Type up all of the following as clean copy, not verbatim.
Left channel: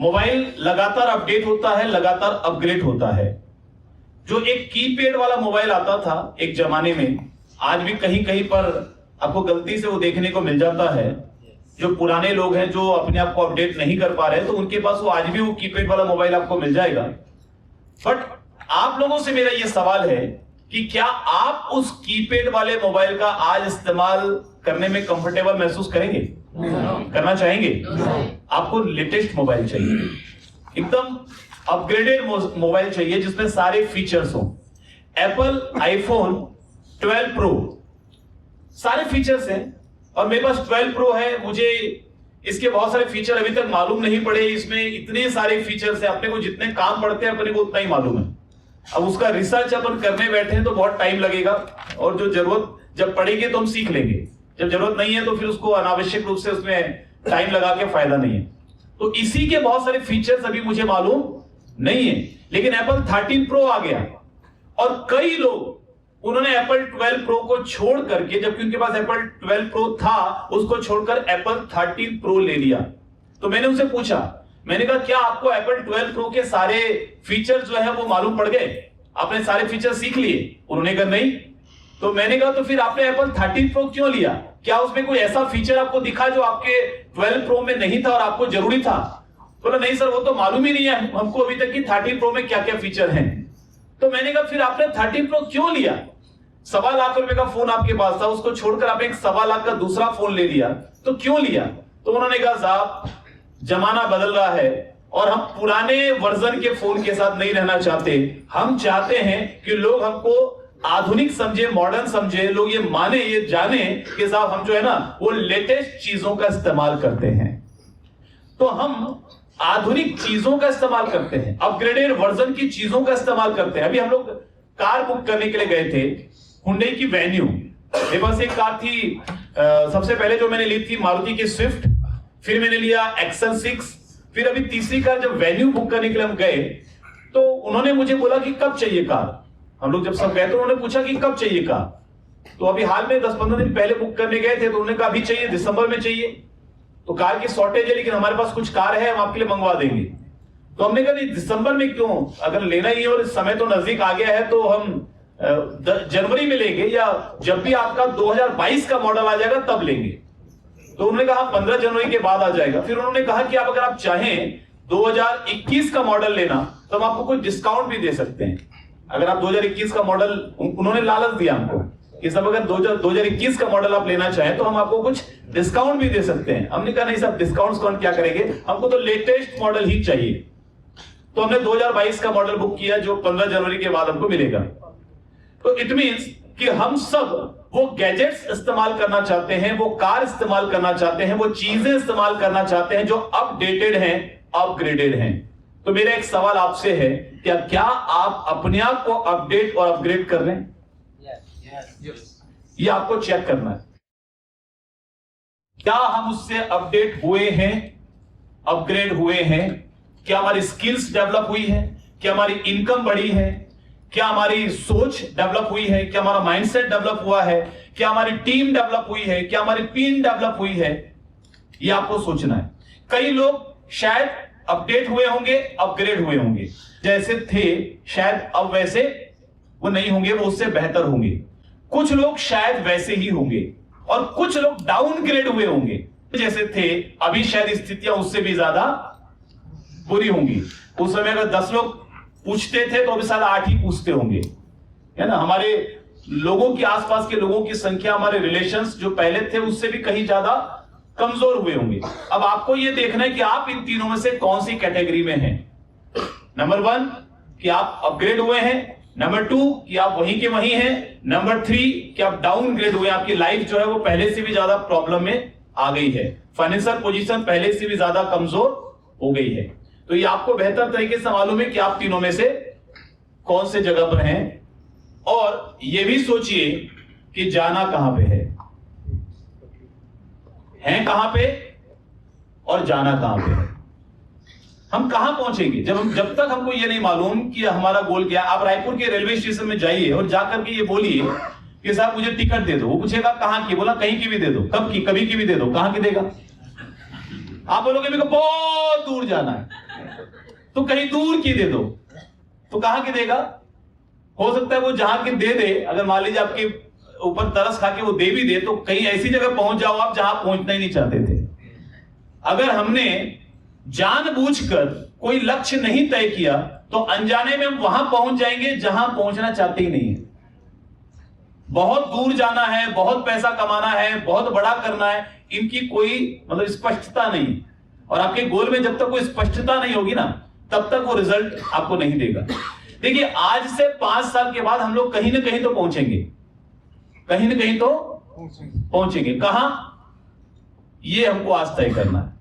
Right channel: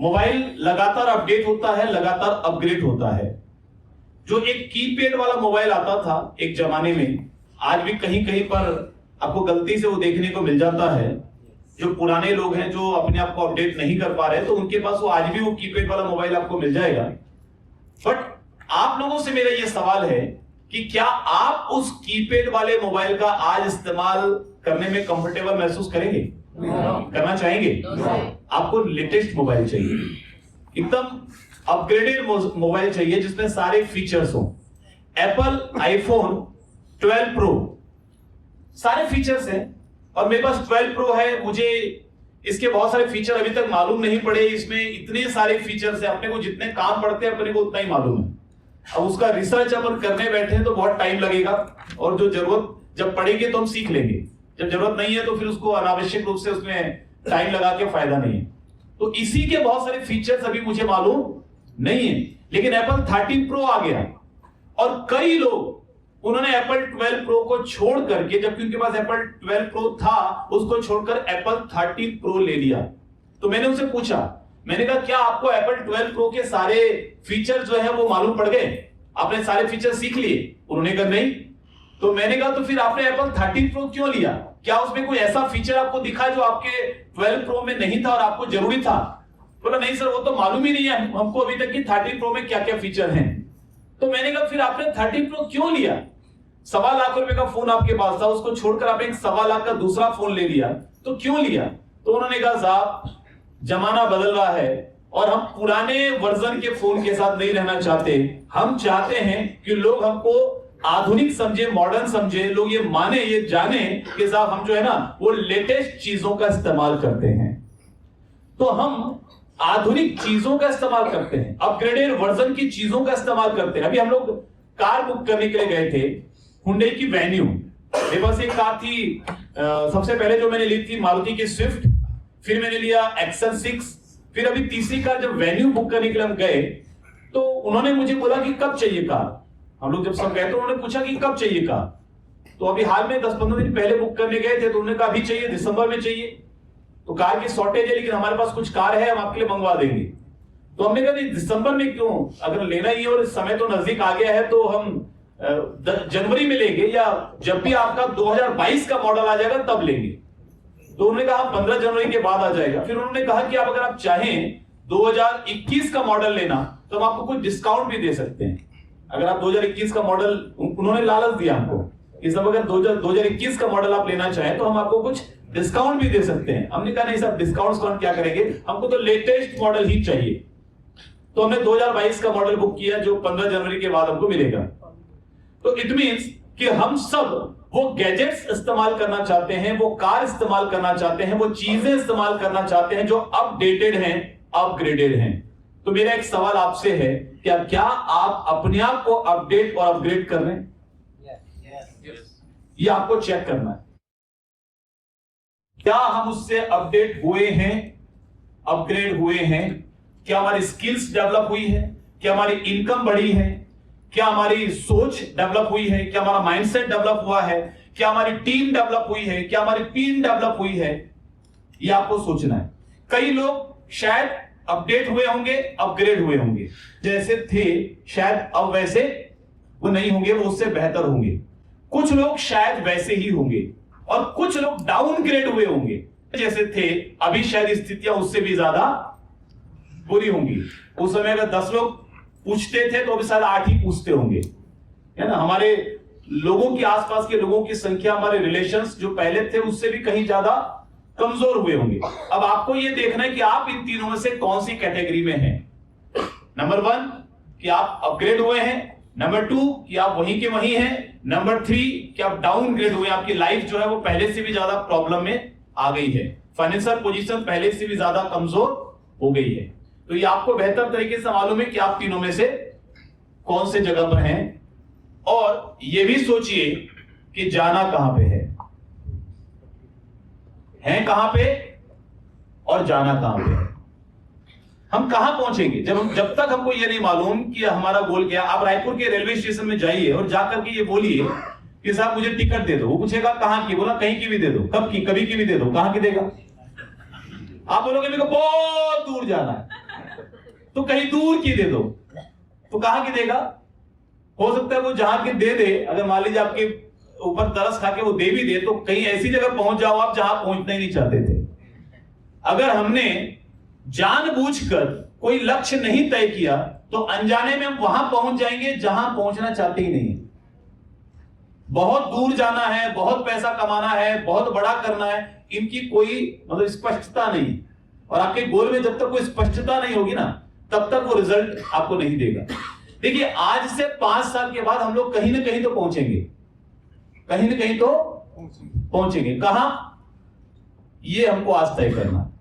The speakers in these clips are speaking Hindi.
मोबाइल लगातार अपडेट होता है, लगातार अपग्रेड होता है। जो एक कीपैड वाला मोबाइल आता था एक जमाने में, आज भी कहीं कहीं पर आपको गलती से वो देखने को मिल जाता है। जो पुराने लोग हैं जो अपने आप को अपडेट नहीं कर पा रहे, तो उनके पास वो आज भी वो कीपैड वाला मोबाइल आपको मिल जाएगा। बट आप लोगों से मेरा ये सवाल है कि क्या आप उस कीपैड वाले मोबाइल का आज इस्तेमाल करने में कंफर्टेबल महसूस करेंगे? करना चाहेंगे? आपको लेटेस्ट मोबाइल चाहिए, एकदम अपग्रेडेड मोबाइल चाहिए जिसमें सारे फीचर्स हो। एप्पल आईफोन 12 प्रो सारे फीचर्स हैं, और मेरे पास 12 प्रो है। मुझे इसके बहुत सारे फीचर अभी तक मालूम नहीं पड़े। इसमें इतने सारे फीचर्स हैं, अपने को जितने काम पड़ते हैं अपने को उतना ही मालूम है। अब उसका रिसर्च अपन करने बैठे हैं तो बहुत टाइम लगेगा, और जो जरूरत जब पड़ेगी तो हम सीख लेंगे। जब जरूरत नहीं है तो फिर उसको अनावश्यक रूप से उसमें टाइम लगा के फायदा नहीं है। तो इसी के बहुत सारे फीचर्स अभी मुझे मालूम नहीं है। लेकिन एप्पल 13 प्रो आ गया, और कई लोग उन्होंने एप्पल 12 प्रो को छोड़ करके, जबकि उनके पास एप्पल 12 प्रो था, उसको छोड़कर एप्पल 13 प्रो ले लिया। तो मैंने उनसे पूछा, मैंने कहा क्या आपको एप्पल 12 प्रो के सारे फीचर जो है वो मालूम पड़ गए? आपने सारे फीचर सीख लिए? उन्होंने कहा नहीं। तो मैंने कहा तो फिर आपने एप्पल 13 प्रो क्यों लिया? क्या उसमें कोई ऐसा फीचर आपको दिखा जो आपके 12 प्रो में नहीं था और आपको जरूरी था? बोला नहीं सर, वो तो मालूम ही नहीं है हमको अभी तक कि 13 प्रो में क्या क्या फीचर हैं। तो मैंने कहा फिर आपने 13 प्रो क्यों लिया? 1.25 लाख रुपए का फोन आपके पास था, उसको छोड़कर आपने एक 1.25 लाख का दूसरा फोन ले लिया, तो क्यों लिया? तो उन्होंने कहा साहब जमाना बदल रहा है और हम पुराने वर्जन के फोन के साथ नहीं रहना चाहते। हम चाहते हैं कि लोग हमको आधुनिक समझे, मॉडर्न समझे, लोग ये माने, ये जाने कि साहब हम जो है ना वो लेटेस्ट चीजों का इस्तेमाल करते हैं। तो हम आधुनिक चीजों का इस्तेमाल करते हैं, अपग्रेडेड वर्जन की चीजों का इस्तेमाल करते हैं। अभी हम लोग कार बुक करने के लिए गए थे, हुंडई की वेन्यू। मेरे पास एक कार थी, सबसे पहले जो मैंने ली थी मारुति की स्विफ्ट, फिर मैंने लिया एक्सेल 6, फिर अभी तीसरी कार जब वेन्यू बुक करने के लिए हम गए तो उन्होंने मुझे बोला कि कब चाहिए कार। हम लोग जब सब गए तो उन्होंने पूछा कि कब चाहिए कार। तो अभी हाल में 10-15 दिन पहले बुक करने गए थे, तो उन्होंने कहा अभी चाहिए, दिसंबर में चाहिए। तो कार की शॉर्टेज है लेकिन हमारे पास कुछ कार है, हम आपके लिए मंगवा देंगे। तो हमने कहा नहीं दिसंबर में क्यों, अगर लेना ही है और समय तो नजदीक आ गया है तो हम जनवरी में लेंगे, या जब भी आपका 2022 का मॉडल आ जाएगा तब लेंगे। तो उन्होंने कहा 15 जनवरी के बाद आ जाएगा। फिर उन्होंने कहा कि आप अगर आप चाहें 2021 का मॉडल लेना तो हम आपको कुछ डिस्काउंट भी दे सकते हैं। अगर आप 2021 का मॉडल, उन्होंने लालच दिया हमको कि सब अगर 2021 का मॉडल आप लेना चाहें तो हम आपको कुछ डिस्काउंट भी दे सकते हैं। हमने कहा नहीं साहब, डिस्काउंट कौन क्या करेंगे, हमको तो लेटेस्ट मॉडल ही चाहिए। तो हमने 2022 का मॉडल बुक किया जो 15 जनवरी के बाद हमको मिलेगा। तो इट मींस कि हम सब वो गैजेट्स इस्तेमाल करना चाहते हैं, वो कार इस्तेमाल करना चाहते हैं, वो चीजें इस्तेमाल करना चाहते हैं जो अपडेटेड हैं, अपग्रेडेड हैं। तो मेरा एक सवाल आपसे है, क्या आप अपने आप को अपडेट और अपग्रेड कर रहे हैं? ये आपको चेक करना है। क्या हम उससे अपडेट हुए हैं, अपग्रेड हुए हैं? क्या हमारी स्किल्स डेवलप हुई है? क्या हमारी इनकम बढ़ी है? क्या हमारी सोच डेवलप हुई है? क्या हमारा माइंडसेट डेवलप हुआ है? क्या हमारी टीम डेवलप हुई है? क्या हमारी टीम डेवलप हुई है? ये आपको सोचना है। कई लोग शायद अपडेट हुए होंगे, अपग्रेड हुए होंगे, जैसे थे शायद अब वैसे वो नहीं होंगे, वो उससे बेहतर होंगे। कुछ लोग शायद वैसे ही होंगे, और कुछ लोग डाउनग्रेड हुए होंगे, जैसे थे अभी शायद स्थितियां उससे भी ज्यादा बुरी होंगी। उस समय अगर 10 लोग पूछते थे तो अभी शायद 8 ही पूछते होंगे, है ना। हमारे लोगों के आसपास के लोगों की संख्या, हमारे रिलेशंस जो पहले थे उससे भी कहीं ज्यादा कमजोर हुए होंगे। अब आपको यह देखना है कि आप इन तीनों में से कौन सी कैटेगरी में हैं। नंबर 1 कि आप अपग्रेड हुए हैं, नंबर 2 कि आप वहीं के वहीं हैं, नंबर 3 कि आप डाउनग्रेड हुए, आपकी लाइफ जो है वो पहले से भी ज्यादा प्रॉब्लम में आ गई है, फाइनेंशियल पोजीशन पहले से भी ज्यादा कमजोर हो गई है। तो ये आपको बेहतर तरीके से मालूम है कि आप तीनों में से कौन से जगह पर हैं, और ये भी सोचिए कि जाना कहां पे है कहां पे और जाना कहां पे है। हम कहां पहुंचेंगे जब तक हमको ये नहीं मालूम कि हमारा गोल क्या। आप रायपुर के रेलवे स्टेशन में जाइए और जाकर के ये बोलिए कि साहब मुझे टिकट दे दो, वो पूछेगा कहां की, बोला कहीं की भी दे दो, कब की, कभी की भी दे दो, कहां की देगा? आप बोलोगे मेरे को बहुत दूर जाना है, तो कहीं दूर की दे दो, तो कहां की देगा? हो सकता है वो जहां की दे दे, अगर मान लीजिए आपके ऊपर तरस खा के वो दे भी दे, तो कहीं ऐसी जगह पहुंच जाओ आप जहां पहुंचना ही नहीं चाहते थे। अगर हमने जानबूझकर कोई लक्ष्य नहीं तय किया तो अनजाने में हम वहां पहुंच जाएंगे जहां पहुंचना चाहते ही नहीं है। बहुत दूर जाना है, बहुत पैसा कमाना है, बहुत बड़ा करना है, इनकी कोई मतलब स्पष्टता नहीं। और आपके गोल में जब तक कोई स्पष्टता नहीं होगी ना, तब तक वो रिजल्ट आपको नहीं देगा। देखिए, आज से 5 साल के बाद हम लोग कहीं ना कहीं तो पहुंचेंगे, कहीं ना कहीं तो पहुंचेंगे। कहां? ये हमको आज तय करना है,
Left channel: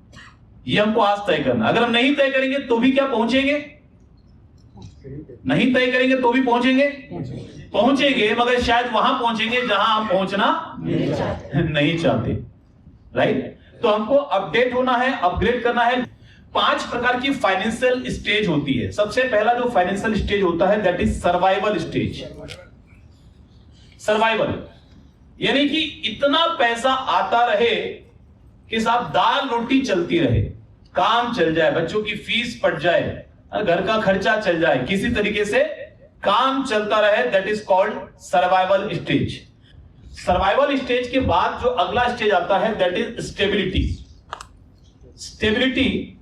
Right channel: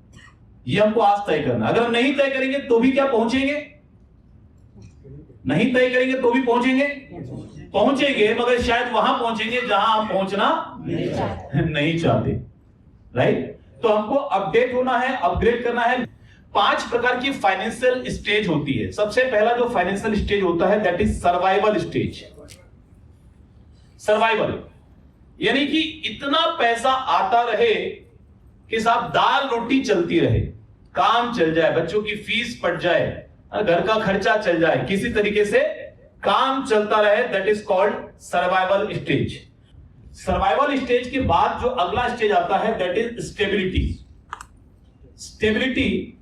ये हमको आज तय करना है। अगर हम नहीं तय करेंगे तो भी क्या पहुंचेंगे? नहीं तय करेंगे तो भी पहुंचेंगे, मगर शायद वहां पहुंचेंगे जहां हम पहुंचना नहीं चाहते। राइट? तो हमको अपडेट होना है, अपग्रेड करना है। 5 प्रकार की फाइनेंशियल स्टेज होती है। सबसे पहला जो फाइनेंशियल स्टेज होता है that is survival stage. Survival यानी कि इतना पैसा आता रहे कि साहब दाल रोटी चलती रहे, काम चल जाए, बच्चों की फीस पट जाए, घर का खर्चा चल जाए, किसी तरीके से काम चलता रहे, that is called survival stage. Survival stage के बाद जो अगला स्टेज आता है दैट इज स्टेबिलिटी। स्टेबिलिटी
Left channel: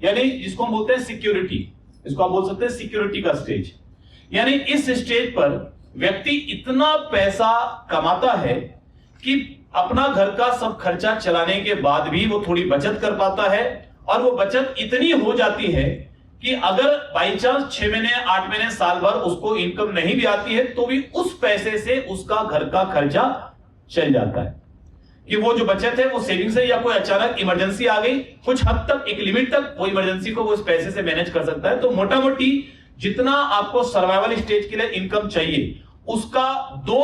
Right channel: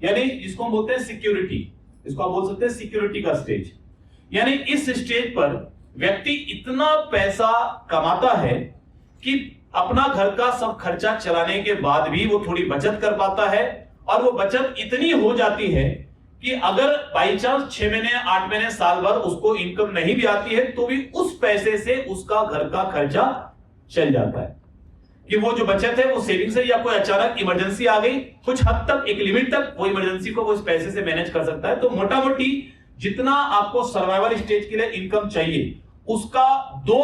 यानी जिसको हम बोलते हैं सिक्योरिटी, इसको आप बोल सकते हैं सिक्योरिटी का स्टेज। यानी इस स्टेज पर व्यक्ति इतना पैसा कमाता है कि अपना घर का सब खर्चा चलाने के बाद भी वो थोड़ी बचत कर पाता है, और वो बचत इतनी हो जाती है कि अगर बाई चांस 6 महीने 8 महीने साल भर उसको इनकम नहीं भी आती है तो भी उस पैसे से उसका घर का खर्चा चल जाता है। कि वो जो बचत है वो सेविंग्स है, या कोई अचानक इमरजेंसी आ गई, कुछ हद तक एक लिमिट तक वो इमरजेंसी को वो इस पैसे से मैनेज कर सकता है। तो मोटा मोटी जितना आपको सर्वाइवल स्टेज के लिए इनकम चाहिए उसका 2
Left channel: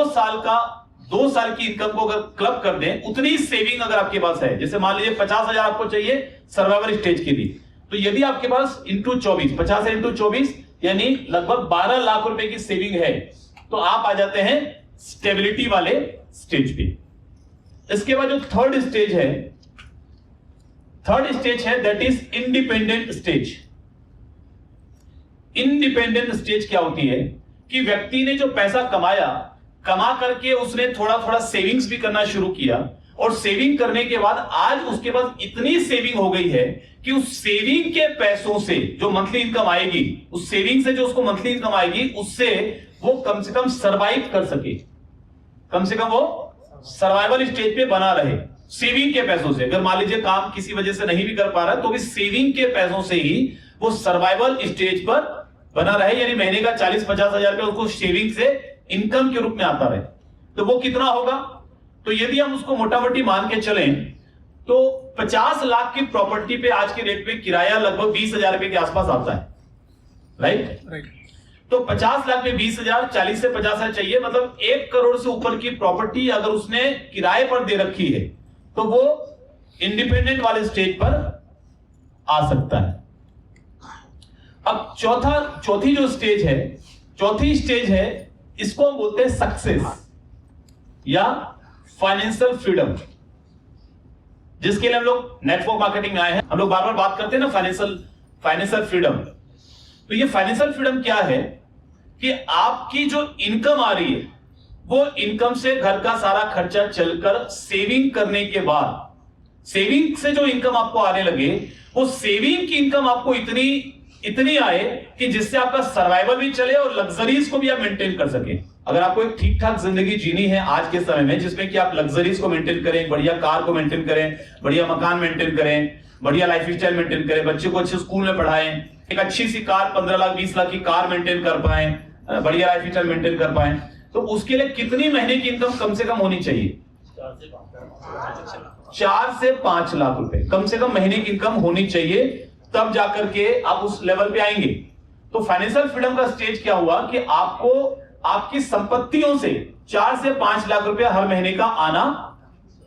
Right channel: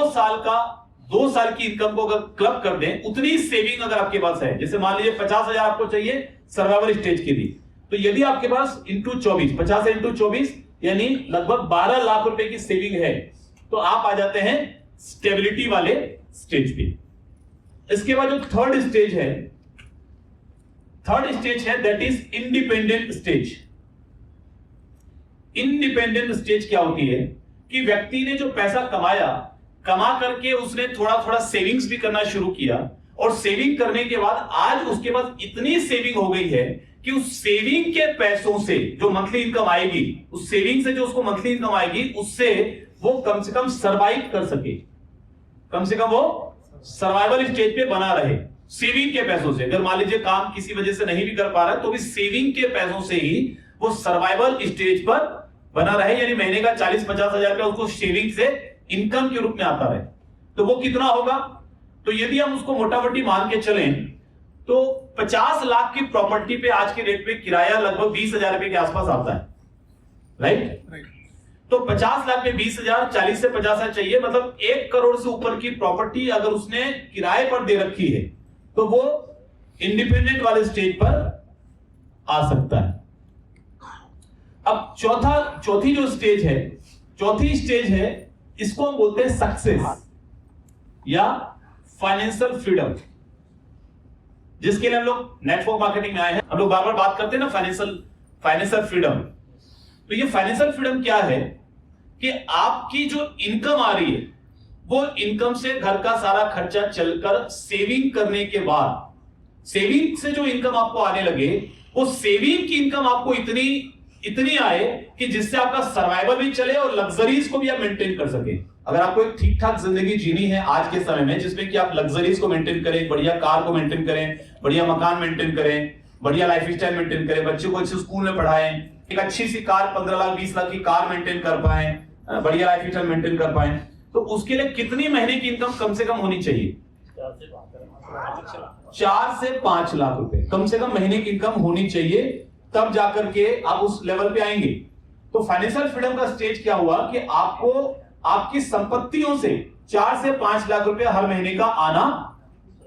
साल की इनकम को अगर क्लब कर दें, उतनी सेविंग अगर आपके पास है, जैसे मान लीजिए 50,000 आपको चाहिए सर्वाइवल स्टेज के लिए, तो यदि आपके पास इंटू 24, 50 इंटू 24 यानी लगभग 12 लाख रुपए की सेविंग है, तो आप आ जाते हैं स्टेबिलिटी वाले स्टेज पे। इसके बाद जो थर्ड स्टेज है that is independent stage. Independent stage क्या होती है कि व्यक्ति ने जो पैसा कमा करके उसने थोड़ा थोड़ा सेविंग्स भी करना शुरू किया, और सेविंग करने के बाद आज उसके पास इतनी सेविंग हो गई है कि उस सेविंग के पैसों से जो मंथली इनकम आएगी, उस सेविंग से जो उसको मंथली इनकम आएगी, उससे वो कम से कम सरवाइव कर सके, कम से कम वो सर्वाइवल स्टेज पे बना रहे सेविंग के पैसों से। अगर मान लीजिए काम किसी वजह से नहीं भी कर पा रहा है तो भी सेविंग के पैसों से ही वो सर्वाइवल स्टेज पर बना रहे, यानी महीने का 40-50 हजार रुपया उसको सेविंग से इनकम के रूप में आता रहे। तो वो कितना होगा? तो यदि हम उसको मोटा मोटी मान के चलें तो 50 लाख की प्रॉपर्टी पे आज के रेट पे किराया लगभग 20,000 रुपए के आसपास आता है। राइट? तो 50 लाख में 20,000, 40 से 50,000 चाहिए, मतलब 1 करोड़ से ऊपर की प्रॉपर्टी अगर उसने किराए पर दे रखी है तो वो इंडिपेंडेंट वाले स्टेज पर आ सकता है। अब चौथी जो स्टेज है, चौथी स्टेज है, इसको हम बोलते हैं सक्सेस या फाइनेंशियल फ्रीडम, जिसके लिए हम लोग नेटवर्क मार्केटिंग में आए हैं। हम लोग बार बार बात करते हैं ना फाइनेंशियल फ्रीडम। तो ये फाइनेंशियल फ्रीडम क्या है कि आपकी जो इनकम आ रही है वो इनकम से घर का सारा खर्चा चलकर सेविंग करने के बाद, सेविंग से जो इनकम आपको आने लगे, वो सेविंग की इनकम आपको इतनी आए कि जिससे आपका सर्वाइवल भी चले और लग्जरीज को भी आप मेंटेन कर सके। अगर आपको एक ठीक ठाक जिंदगी जीनी है आज के समय में, जिसमें कि आप लग्जरीज को मेंटेन करें, बढ़िया कार को मेंटेन करें, बढ़िया मकान मेंटेन करें, बढ़िया लाइफ स्टाइल मेंटेन करें, बच्चों को अच्छे स्कूल में पढ़ाएं, एक अच्छी सी कार 15 लाख 20 लाख की कार मेंटेन कर पाए, बढ़िया लाइफ स्टाइल मेंटेन कर पाए, तो उसके लिए कितनी महीने की इनकम कम से कम होनी चाहिए? 4 से 5 लाख रुपए कम से कम महीने की इनकम होनी चाहिए, तब जाकर के आप उस लेवल पे आएंगे। तो फाइनेंशियल फ्रीडम का स्टेज क्या हुआ कि आपको आपकी संपत्तियों से 4 से 5 लाख रुपए हर महीने का आना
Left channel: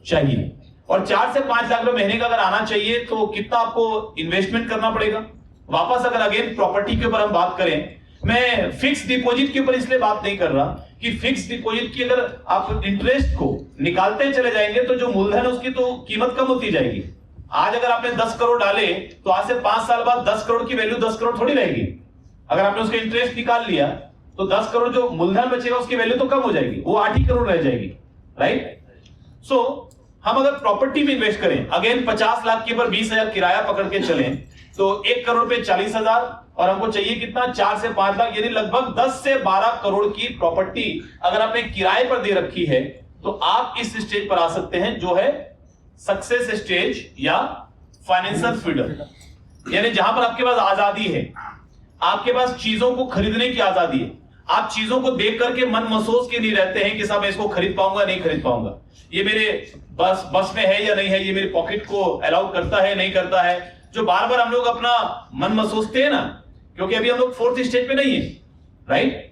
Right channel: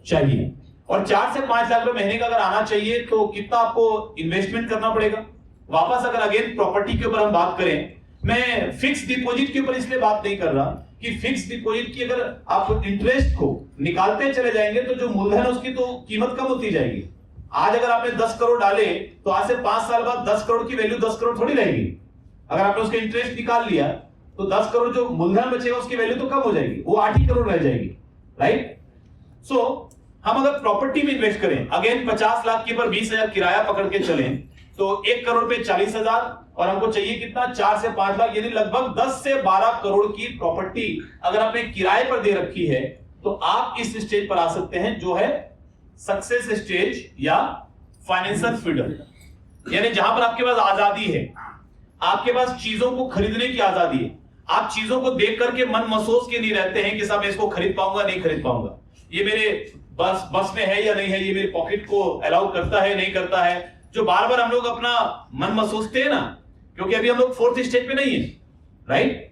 चाहिए। और 4 से 5 लाख रुपए महीने का अगर आना चाहिए तो कितना आपको इन्वेस्टमेंट करना पड़ेगा? वापस अगर अगेन प्रॉपर्टी के ऊपर हम बात करें, मैं फिक्स डिपॉजिट के ऊपर इसलिए बात नहीं कर रहा कि फिक्स डिपॉजिट की अगर आप इंटरेस्ट को निकालते चले जाएंगे तो जो मूलधन है उसकी तो कीमत कम होती जाएगी। आज अगर आपने 10 करोड़ डाले तो आज से 5 साल बाद 10 करोड़ की वैल्यू 10 करोड़ थोड़ी रहेगी। अगर आपने उसका इंटरेस्ट निकाल लिया तो 10 करोड़ जो मूलधन बचेगा उसकी वैल्यू तो कम हो जाएगी, वो 8 ही करोड़ रह जाएगी, राइट। सो हम अगर प्रॉपर्टी में इन्वेस्ट करें, अगेन 50 लाख के ऊपर 20,000 किराया पकड़ के चलें तो 1 करोड़ पे 40,000 और हमको चाहिए कितना 4 से 5 लाख, यानी लगभग 10 से 12 करोड़ की प्रॉपर्टी अगर आपने किराए पर दे रखी है तो आप इस स्टेज पर आ सकते हैं जो है सक्सेस स्टेज या फाइनेंशियल फ्रीडम। यानी जहां पर आपके पास आजादी है, आपके पास चीजों को खरीदने की आजादी है, आप चीजों को देख करके मन महसूस के नहीं रहते हैं कि साहब मैं इसको खरीद पाऊंगा नहीं खरीद पाऊंगा, ये मेरे बस में है या नहीं है, ये मेरे पॉकेट को अलाउ करता है नहीं करता है, जो बार बार हम लोग अपना मन महसूसते हैं ना, क्योंकि अभी हम लोग 4th स्टेज पे नहीं है, राइट।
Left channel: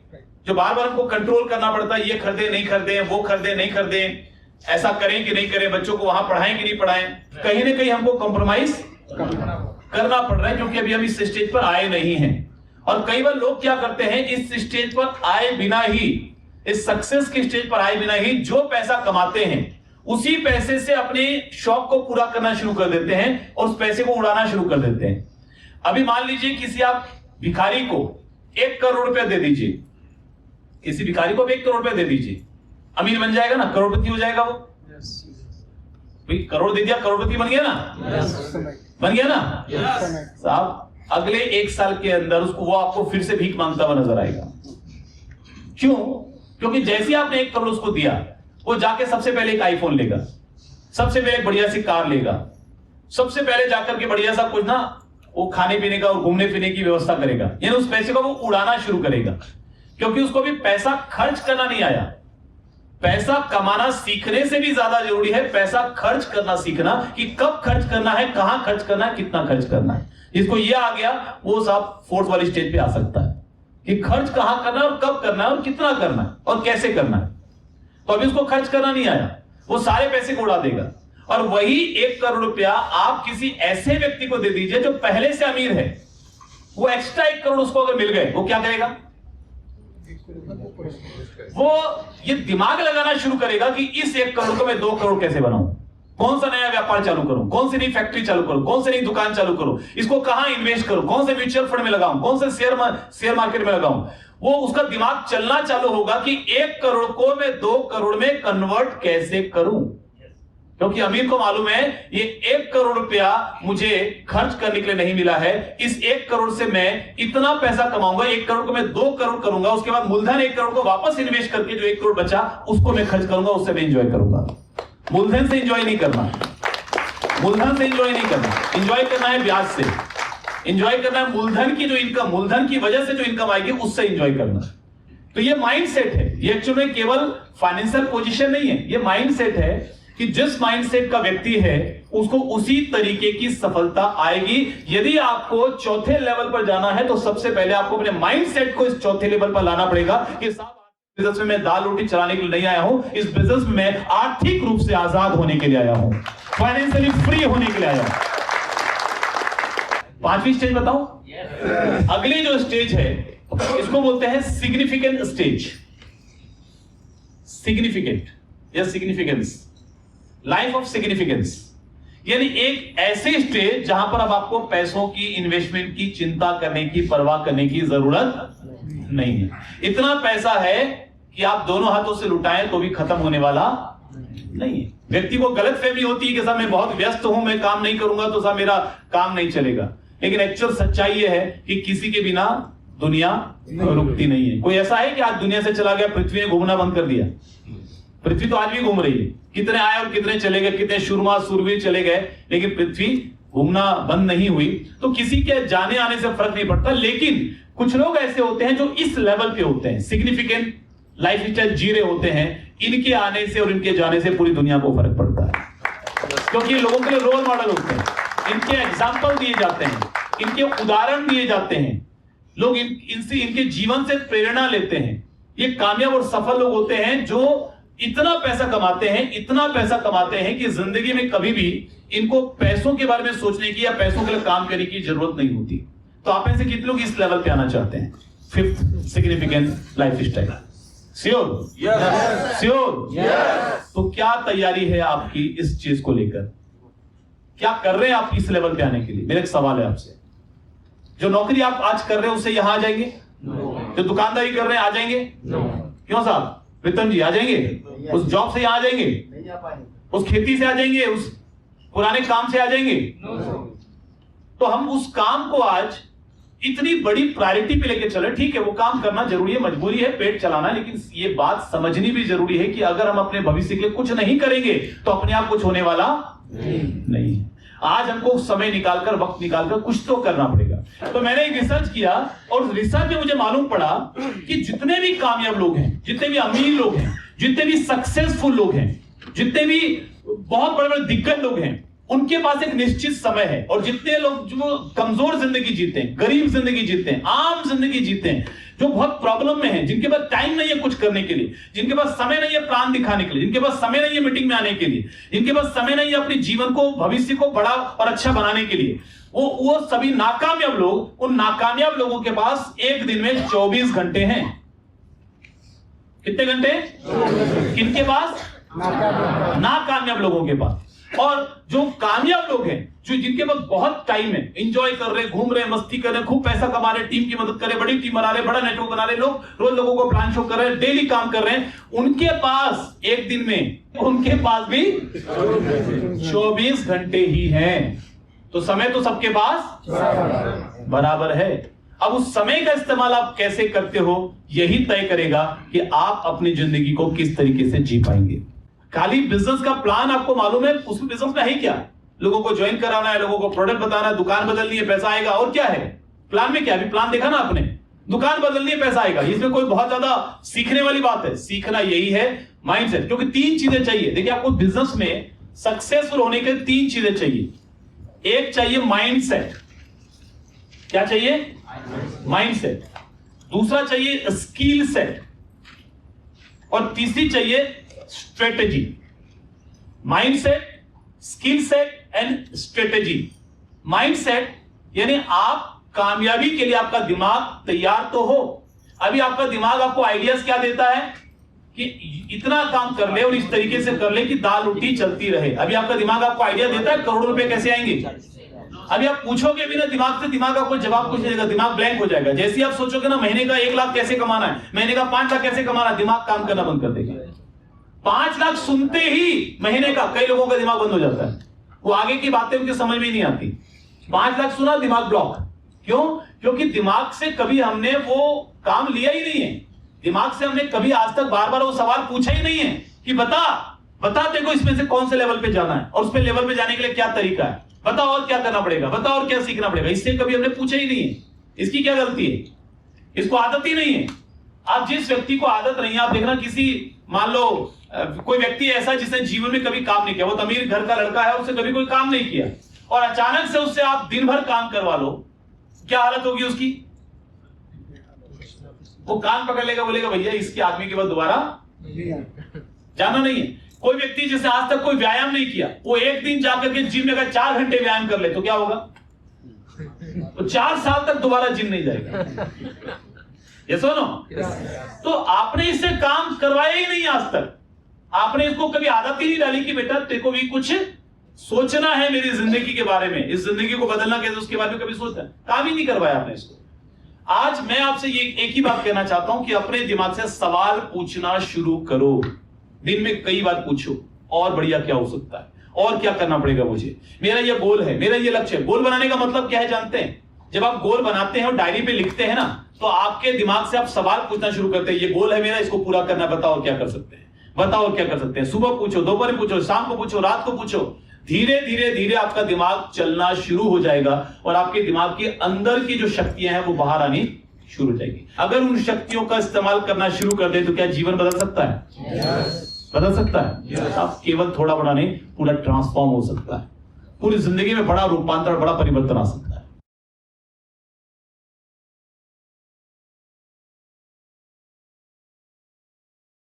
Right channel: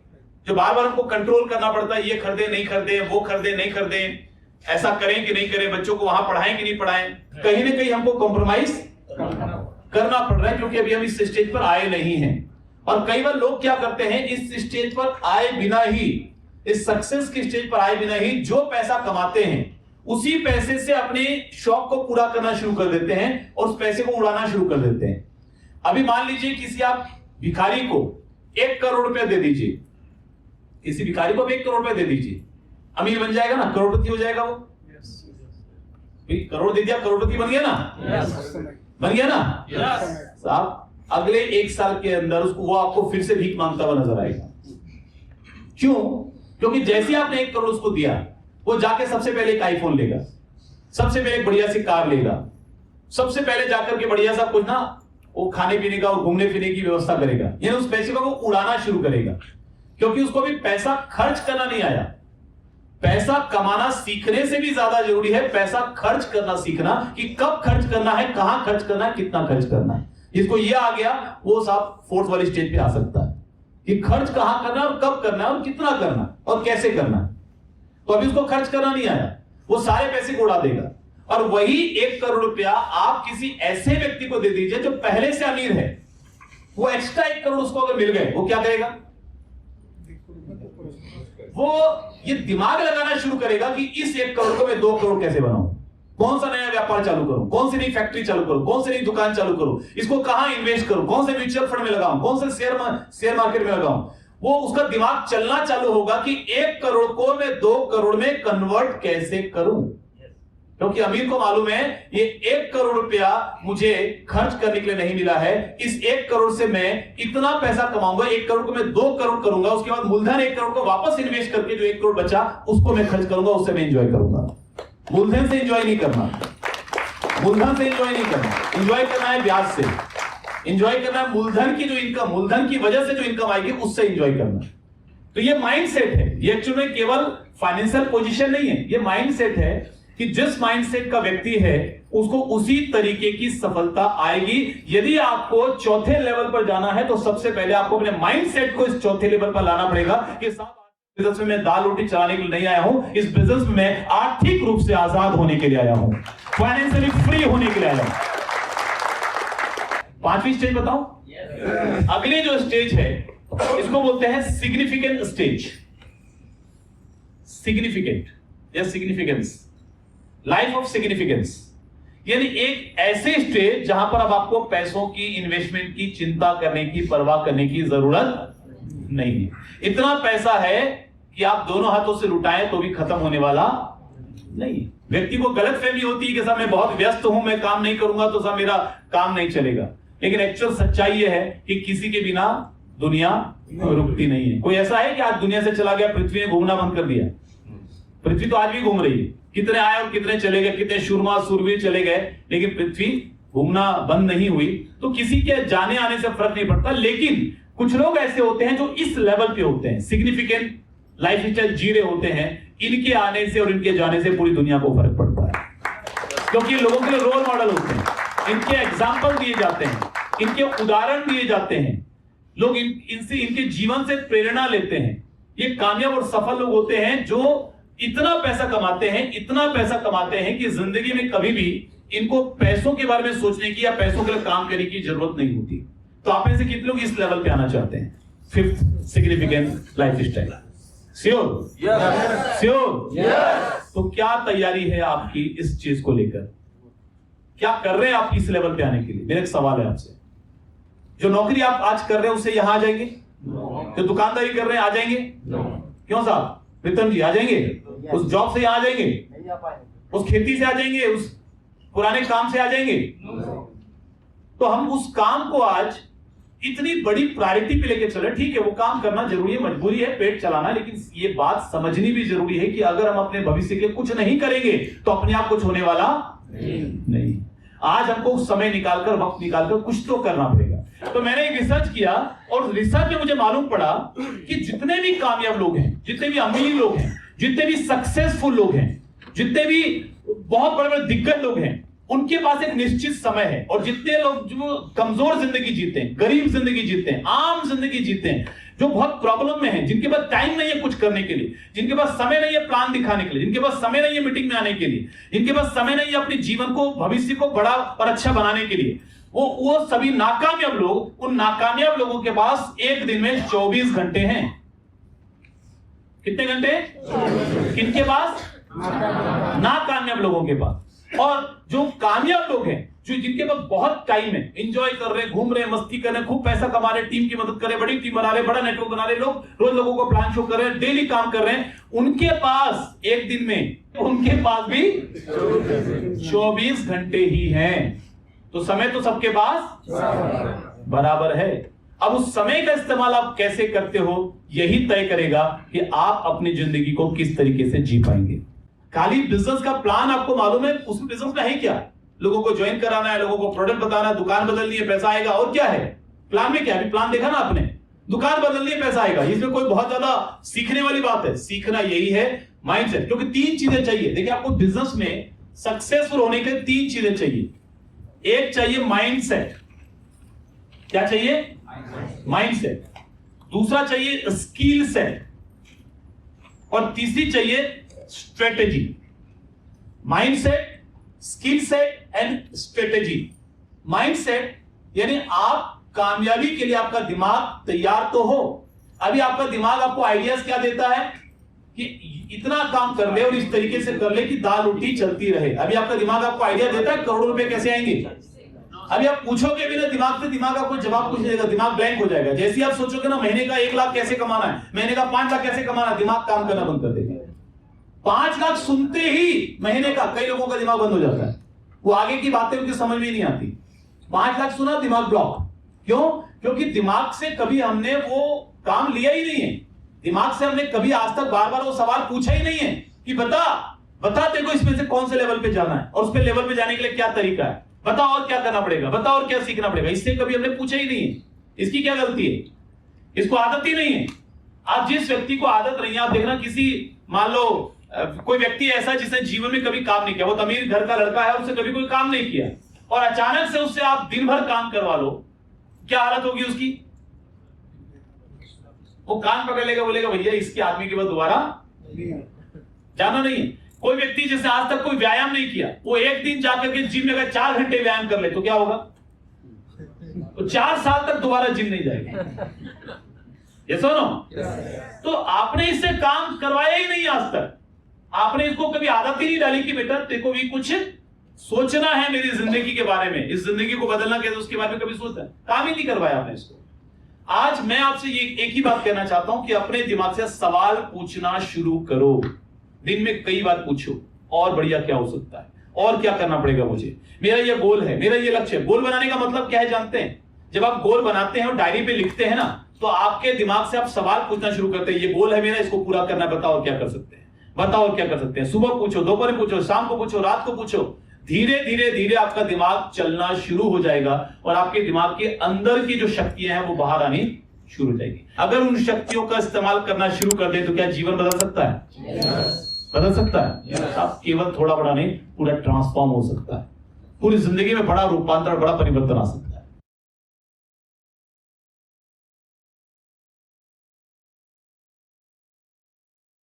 जो बार बार हमको कंट्रोल करना पड़ता है, ये खरीदे नहीं खरीदे, वो खरीदे नहीं खरीदे, ऐसा करें कि नहीं करें, बच्चों को वहां पढ़ाएं कि नहीं पढ़ाएं, कहीं ना कहीं हमको कॉम्प्रोमाइज करना पड़ रहा है क्योंकि अभी हम इस स्टेज पर आए नहीं हैं। और कई बार लोग क्या करते हैं, इस स्टेज पर आए बिना ही, इस सक्सेस के स्टेज पर आए बिना ही जो पैसा कमाते हैं उसी पैसे से अपने शौक को पूरा करना शुरू कर देते हैं और उस पैसे को उड़ाना शुरू कर देते हैं। अभी मान लीजिए किसी आप भिखारी को 1 करोड़ रुपया दे दीजिए, किसी भिखारी को 1 करोड़ रुपया दे दीजिए, अमीर बन जाएगा ना, करोड़पति हो जाएगा वो। करोड़ दे दिया, करोड़पति बन गया ना, बन गया ना साहब। अगले 1 साल के अंदर उसको वो आपको फिर से भीख मांगता हुआ नजर आएगा। क्यों? क्योंकि जैसे आपने 1 करोड़ उसको दिया, वो जाके सबसे पहले एक आईफोन लेगा, सबसे पहले एक बढ़िया सी कार लेगा, सबसे पहले जाकर के बढ़िया सा कुछ ना वो खाने पीने का और घूमने फिरने की व्यवस्था करेगा, यानी उस पैसे को वो उड़ाना शुरू करेगा। क्योंकि उसको भी पैसा खर्च करना नहीं आया। पैसा कमाना सीखने से भी ज्यादा जरूरी है पैसा खर्च करना सीखना, कि कब खर्च करना है, कहां खर्च करना है, कितना खर्च करना है। इसको ये आ गया, वो सब 4th वाली स्टेज पे आ सकता है कि खर्च कहां करना है और कब करना है और कितना करना है और कैसे करना है। तो अभी उसको खर्च करना नहीं आया, वो सारे पैसे को उड़ा देगा। और वही 1 करोड़ रुपया आप किसी ऐसे व्यक्ति को दे दीजिए जो पहले से अमीर है, वो एक्स्ट्रा 1 करोड़ उसको अगर मिल गए, वो क्या करेगा, वो ये दिमाग लगाना शुरू करेगा कि इस 1 करोड़ को मैं 2 करोड़ कैसे बनाऊं, कौन सा नया व्यापार चालू करूं, कौन सी नई फैक्ट्री चालू करूं, कौन सी नई दुकान चालू करूं, इसको कहां इन्वेस्ट करूं, कौन से म्यूचुअल फंड में लगाऊं, कौन से शेयर मार्केट में लगाऊं। वो उसका दिमाग चलना चालू होगा कि 1 करोड़ को मैं 2 करोड़ में कन्वर्ट कैसे करूं। क्योंकि अमीर को मालूम है ये 1 करोड़ रुपया मुझे खर्च करने के लिए नहीं मिला है, इस 1 करोड़ से मैं इतना पैसा कमाऊंगा, 1 करोड़ को मैं 2 करोड़ करूंगा, उसके बाद मूलधन 1 करोड़ को वापस इन्वेस्ट करके जो 1 करोड़ बचा उसको मैं खर्च करूंगा, उससे मैं एंजॉय करूंगा। मूलधन से एंजॉय नहीं करना, मूलधन से एंजॉय नहीं करना, एंजॉय करना है ब्याज से, एंजॉय करना है मूलधन की जो इनकम, मूलधन की वजह से जो इनकम आएगी उससे एंजॉय करना। तो ये माइंडसेट है, ये एक्चुअली में केवल फाइनेंशियल पोजीशन नहीं है, ये माइंडसेट है कि जिस माइंडसेट का व्यक्ति है उसको उसी तरीके की सफलता आएगी। यदि आपको 4थे लेवल पर जाना है तो सबसे पहले आपको अपने माइंडसेट को इस 4थे लेवल पर लाना पड़ेगा कि साहब बिजनेस में मैं दाल रोटी चलाने के लिए नहीं आया हूं, इस बिजनेस में मैं आर्थिक रूप से आजाद होने के लिए आया हूं, फाइनेंशियली फ्री होने के लिए आया हूं। 5वीं स्टेज बताऊं? अगली जो स्टेज है इसको बोलते हैं सिग्निफिकेंट स्टेज। सिग्निफिकेंट या सिग्निफिकेंस, लाइफ ऑफ सिग्निफिकेंस, यानी एक ऐसे स्टेज जहां पर अब आपको पैसों की, इन्वेस्टमेंट की चिंता करने की, परवाह करने की जरूरत नहीं है। इतना पैसा है कि आप दोनों हाथों से लुटाएं तो भी खत्म होने वाला नहीं है। व्यक्ति को गलतफहमी होती है कि साहब मैं बहुत व्यस्त हूं, मैं काम नहीं करूंगा तो साहब मेरा काम नहीं चलेगा, लेकिन एक्चुअल सच्चाई यह है कि किसी के बिना दुनिया रुकती नहीं है। कोई ऐसा है कि आज दुनिया से चला गया, पृथ्वी ने घूमना बंद कर दिया? पृथ्वी तो आज भी घूम रही है, कितने आए और कितने चले गए, कितने शूरमा सूरवीर चले गए, लेकिन पृथ्वी घूमना बंद नहीं हुई। तो किसी के जाने आने से फर्क नहीं पड़ता, लेकिन कुछ लोग ऐसे होते हैं जो इस लेवल पे होते हैं, सिग्निफिकेंट लाइफ स्टाइल जी रहे होते हैं, इनके आने से और इनके जाने से पूरी दुनिया को फर्क पड़ता है, क्योंकि लोगों के लिए रोल मॉडल होते हैं, इनके एग्जाम्पल दिए जाते हैं, इनके उदाहरण दिए जाते हैं, लोग इनसे, इनके जीवन से प्रेरणा लेते हैं। ये कामयाब और सफल लोग होते हैं जो इतना पैसा कमाते हैं, इतना पैसा कमाते हैं कि जिंदगी में कभी भी इनको पैसों के बारे में सोचने की या पैसों के लिए काम करने की जरूरत नहीं होती। तो आप में से कितने लोग इस लेवल पे आना चाहते हैं? 5th significant life style. Sure? Sure? तो क्या तैयारी है आपकी इस चीज को लेकर? क्या कर रहे हैं आप इस लेवल पे आने के लिए? मेरा एक सवाल है आपसे, जो नौकरी आप आज कर रहे हैं उससे यहां आ जाएंगे? जो दुकानदारी कर रहे हैं आ जाएंगे? क्यों साहब प्रीतम जी, आ जाएंगे? उस जॉब से यहां आ जाएंगे? उस खेती से आ जाएंगे? उस पुराने काम से आ जाएंगे? तो हम उस काम को आज इतनी बड़ी प्रायोरिटी पे लेके चले। ठीक है, वो काम करना जरूरी है, मजबूरी है, पेट चलाना, लेकिन ये बात समझनी भी जरूरी है कि अगर हम अपने भविष्य के लिए कुछ नहीं करेंगे तो अपने आप कुछ होने वाला नहीं। आज हमको समय निकालकर, वक्त निकालकर कुछ तो करना पड़ेगा। तो मैंने एक रिसर्च किया और रिसर्च में मुझे मालूम पड़ा कि जितने भी कामयाब लोग हैं, जितने भी अमीर लोग हैं, जितने भी सक्सेसफुल लोग हैं, जितने भी बहुत बड़े बड़े दिग्गज लोग हैं, उनके पास एक निश्चित समय है। और जितने लोग जो कमजोर जिंदगी जीते हैं, गरीब जिंदगी जीते हैं, आम जिंदगी जीते हैं, जो बहुत प्रॉब्लम में हैं, जिनके पास टाइम नहीं है कुछ करने के लिए, जिनके पास समय नहीं है प्लान दिखाने के लिए, जिनके पास समय नहीं है मीटिंग में आने के लिए, जिनके पास समय नहीं है अपने जीवन को, भविष्य को बड़ा और अच्छा बनाने के लिए, वो सभी नाकामयाब लोग, उन नाकामयाब लोगों के पास एक दिन में 24 घंटे हैं। कितने घंटे? किनके पास? नाकामयाब लोगों के पास। और जो कामयाब लोग हैं, जो जिनके पास बहुत टाइम है, एंजॉय कर रहे हैं, घूम रहे हैं, मस्ती कर रहे हैं, खूब पैसा कमा रहे हैं, टीम की मदद कर रहे हैं, बड़ी टीम बना रहे हैं, बड़ा नेटवर्क बना रहे हैं, लोग रोज लोगों को प्लान शो कर रहे हैं, डेली काम कर रहे हैं, उनके पास एक दिन में उनके पास भी 24 घंटे ही हैं। तो समय तो सबके पास बराबर है। अब उस समय का इस्तेमाल आप कैसे करते हो, यही तय करेगा कि आप अपनी जिंदगी को किस तरीके से जी पाएंगे। खाली बिजनेस का प्लान आपको मालूम है, उस बिजनेस में है क्या? लोगों को ज्वाइन कराना है, लोगों को प्रोडक्ट बताना है, दुकान बदलनी है, पैसा आएगा। और क्या है प्लान में? क्या अभी प्लान देखा ना आपने, दुकान बदलनी है, पैसा आएगा। इसमें कोई बहुत ज्यादा सीखने वाली बात है? सीखना यही है माइंडसेट। क्योंकि 3 चीजें चाहिए। देखिए, आपको बिजनेस में सक्सेसफुल होने के 3 चीजें चाहिए। एक चाहिए माइंडसेट। क्या चाहिए? माइंडसेट। दूसरा चाहिए स्किल सेट, और तीसरी चाहिए strategy. Mindset, skill set and strategy. Mindset यानी आप कामयाबी के लिए आपका दिमाग तैयार तो हो। अभी आपका दिमाग आपको आइडियाज क्या देता है कि इतना काम कर ले और इस तरीके से कर ले कि दाल रोटी चलती रहे। अभी आपका दिमाग आपको आइडिया देता है करोड़ों रुपए कैसे आएंगे। अभी आप पूछोगे भी ना दिमाग से, दिमाग आपको जवाब कुछ नहीं देगा, दिमाग ब्लैंक हो जाएगा। जैसे ही आप सोचोगे ना महीने का 1 लाख कैसे कमाना है, महीने का 5 लाख कैसे कमाना है, दिमाग काम करना बंद कर देगा। 5 लाख सुनते ही महीने का कई लोगों का दिमाग बंद हो जाता है, वो आगे की बातें उनकी समझ में नहीं आती। 5 लाख सुना, दिमाग ब्लॉक। क्यों? क्योंकि दिमाग से कभी हमने वो काम लिया ही नहीं है। दिमाग से हमने कभी आज तक बार बार वो सवाल पूछा ही नहीं है कि बता देखो इसमें से कौन से लेवल पे जाना है और उस पे लेवल पे जाने के लिए क्या तरीका है, बता और क्या करना पड़ेगा, बता और क्या सीखना पड़ेगा। इससे कभी हमने पूछा ही नहीं है। इसकी क्या गलती है? इसको आदत ही नहीं है। आप जिस व्यक्ति को आदत नहीं है, आप देखना किसी, मान लो कोई व्यक्ति ऐसा जिसने जीवन में कभी काम नहीं किया, वो अमीर घर का लड़का है, उसने कभी कोई काम नहीं किया, और अचानक से उससे आप दिन भर काम करवा लो, क्या हालत होगी उसकी? वो कान पकड़ लेगा, बोलेगा भैया इसके आदमी के बाद दोबारा जाना नहीं है। कोई व्यक्ति जिसने आज तक कोई व्यायाम नहीं किया, वो एक दिन जाकर के जिम में अगर 4 घंटे व्यायाम कर ले तो क्या होगा? तो 4 साल तक दोबारा जिम नहीं जाएगा। ये सुनो, तो आपने इससे काम करवाया ही नहीं आज तक। आपने इसको कभी आदत ही नहीं डाली कि बेटा तेरे को भी कुछ सोचना है मेरी जिंदगी के बारे में, इस जिंदगी को बदलना कैसे, उसके बारे में कभी सोचता है? काम ही नहीं करवाया आपने इसको। आज मैं आपसे ये एक ही बात कहना चाहता हूं कि अपने दिमाग से सवाल पूछना शुरू करो। दिन में कई बार पूछो, और बढ़िया क्या हो सकता है, और क्या करना पड़ेगा मुझे, मेरा ये गोल है, मेरा ये लक्ष्य है। गोल बनाने का मतलब क्या है जानते हैं? जब आप गोल बनाते हैं और डायरी पे लिखते हैं ना, तो आपके दिमाग से आप सवाल पूछना शुरू करते हैं, ये गोल है मेरा, इसको पूरा करना, बताओ और क्या कर सकते हैं, बताओ और क्या कर सकते हैं। सुबह पूछो, दोपहर पूछो, शाम को पूछो, रात को पूछो। धीरे धीरे धीरे आपका दिमाग चलना शुरू हो जाएगा और आपके दिमाग के अंदर की जो शक्तियां हैं वो बाहर आनी शुरू हो जाएगी। अगर उन शक्तियों का इस्तेमाल करना शुरू कर दे तो क्या जीवन बदल सकता है? बदल सकता है। आप केवल थोड़ा बड़ा नहीं, पूरा ट्रांसफॉर्म हो सकता है। पूरी जिंदगी में बड़ा रूपांतर, बड़ा परिवर्तन आ सकता है।